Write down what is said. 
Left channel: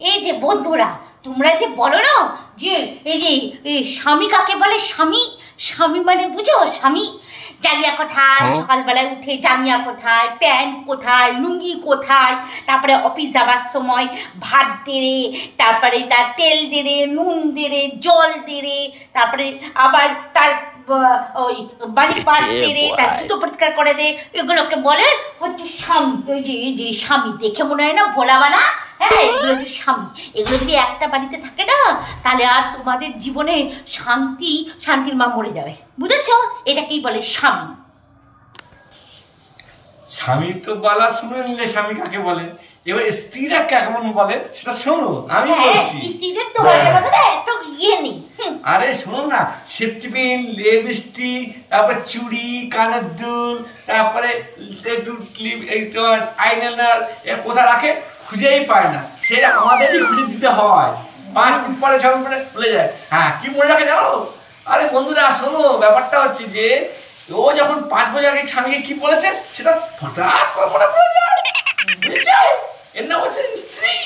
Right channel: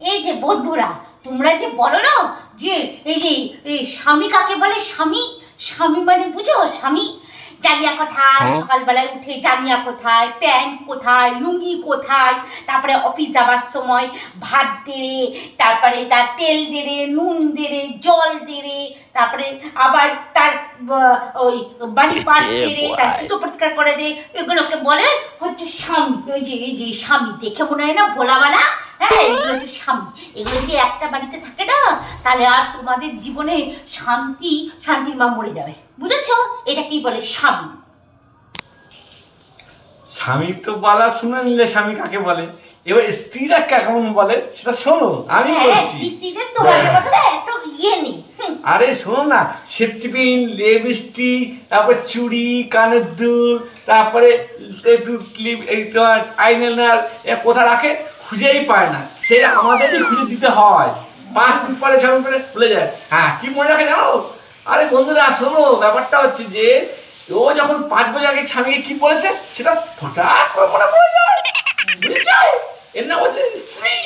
এই যে বন্ধুরা, তোমরা যে বলো না যে এই যে স্বামী কাকে বলে, স্বামী স্বামী মানে বুঝো? স্বামী জাঙ্গিয়া কোথায়, সকালবেলায় উঠে জাঙ্গিয়া কোথায়, প্যান্ট কোথায়, লুঙ্গি কোথায়, তারপরে অফিস যাবার সময় ভাত দেরে, তারপরে তার তেল দেরে, নুন দেরে, জল দেরে, তারপরে আবার তার ওই বাড়ির পাশ দেরে, তার জুতো পরিষ্কার করে দে, এগুলোকে বলে হচ্ছে স্বামী। ওই যে এই যে স্বামী দেখে মনে হয় না ভোলাওয়ালা? হ্যাঁ, এগুলো হচ্ছে স্বামী। এগুলো যদি একটা বাড়িতে থাকে না, তাহলে আর তোমাদের জীবনে শান্তির মা মরে যাবে, বুঝেছ? এটাকেই বলে স্বামী। স্বামী তো বলা শুনে নিলে স্বামী কাকে বলে, এবার স্ত্রীরা কেমন বলে সেটা শোনো। আমি বলছি স্ত্রীদের তো এত ইয়ে নেই। আরে শোনো না, সেফটি পিন, লিপস্টিক, তারপরে চুড়ি, কানের দুল, তারপরে একটু আইলাইনার কোথায় রাখে খুঁজেই পায় না, সেটা আমাদেরই খুঁজে দিতে হয়। 5 মিনিট পরে 6 মিনিট পরে ভুলে যায়। হ্যাঁ, কি মনে রাখে জানো? আরে বন্ধুরা শোনো, ব্যাপারটা হচ্ছে যে ও যখন 5 বছর আগে স্বামীকে কি বলেছে সেটা হঠাৎ করে মনে পড়ে যায়, বুঝেছো? এর নাম হচ্ছে স্ত্রী।